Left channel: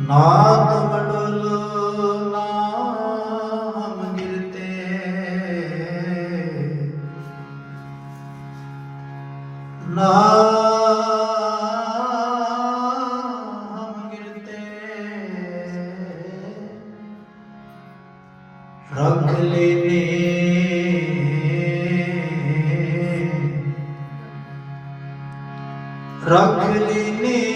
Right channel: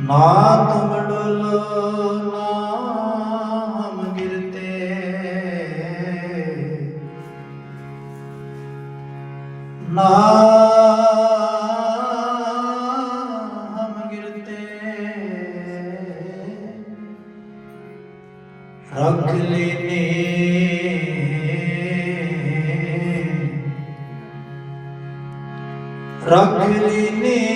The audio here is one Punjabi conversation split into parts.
ਨਾਥ ਮਡਲ ਨਾਮ ਗਿਰਤੇ ਨਾਮ ਗਿਰਤੇ ਰੱਖ ਲੈਨੇ। ਰੱਖ ਲੈਨੇ।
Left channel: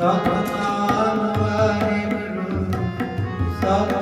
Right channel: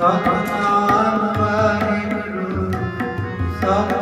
ਸਤਨਾਮ ਵਾਹਿਗੁਰੂ ਸਤ